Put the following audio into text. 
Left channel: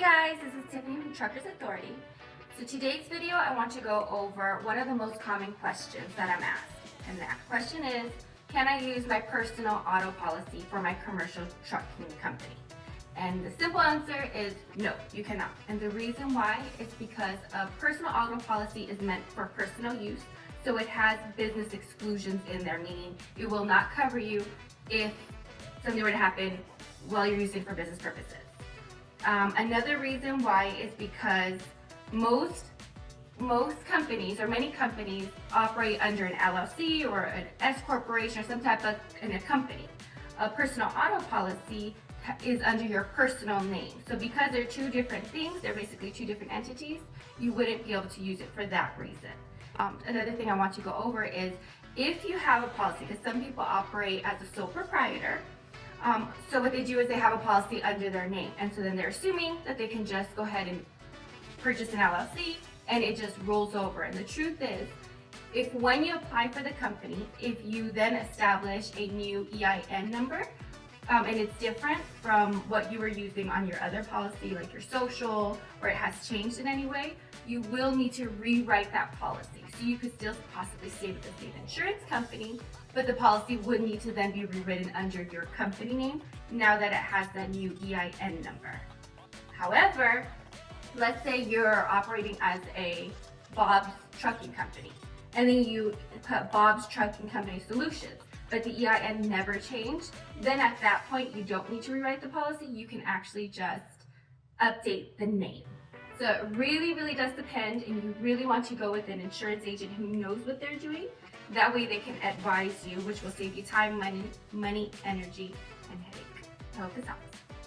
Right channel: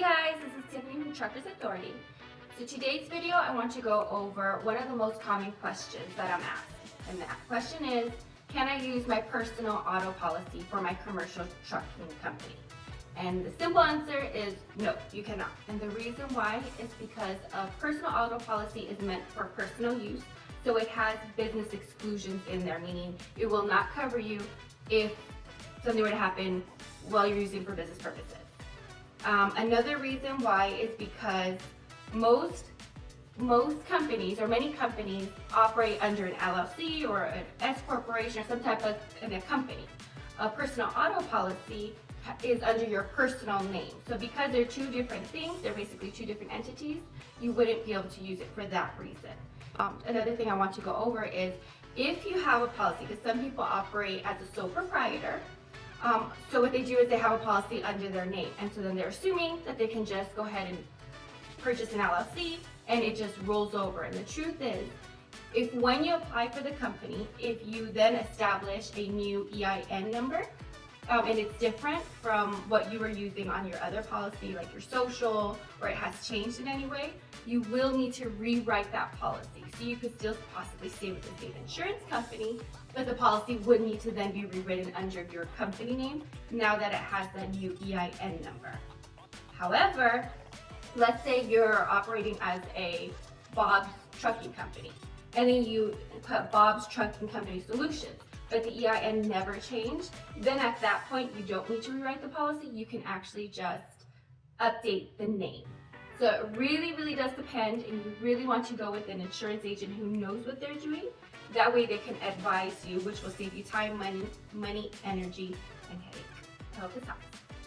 Hey guys, this is Tiffany from Truckers Authority. So today's video I want to go over one of the most common questions that I'm asked. And that question is, can I use my personal auto policy for my commercial trucking company? And the simple answer is no, you cannot. And the reason why is because a personal auto policy is meant for personal use. So it has business exclusions in there, meaning it will not cover you if something were to happen while you're using it for business purposes. Another reason why is because most companies or many companies operate under an LLC or an S corporation or some type of a company. A personal auto policy is under your personal name. So because they're two different things, they're basically two different entities, you wouldn't be able to use it for that reason. Another thing I want to go over is if you have a policy, because some people operate as a sole proprietor. So what they do is they have a policy under their name, and so then they're assuming that they can just go ahead and purchase an LLC and it just rolls over. And the truth is, if when you apply for the company, if you then establish a new EIN number, and it's different from what you were using on your other policy, like your social, or it has changed in any way, you will need to rewrite that policy. So you could still possibly stay with the same insurance company, but the policy would need to then be rewritten under your company name now that it has that new EIN number. However, let's say you're operating as a Bob's Trucking Company, and then you put Bob's Trucking Company Solutions, but the EIN never changed, then at that point you don't need to rewrite the policy, you can actually just update the name. So it really does depend, and you really want to go with an insurance agent who knows what they're doing. That way they can advise you, which will save you time, money, energy, and headache. I hope this helps.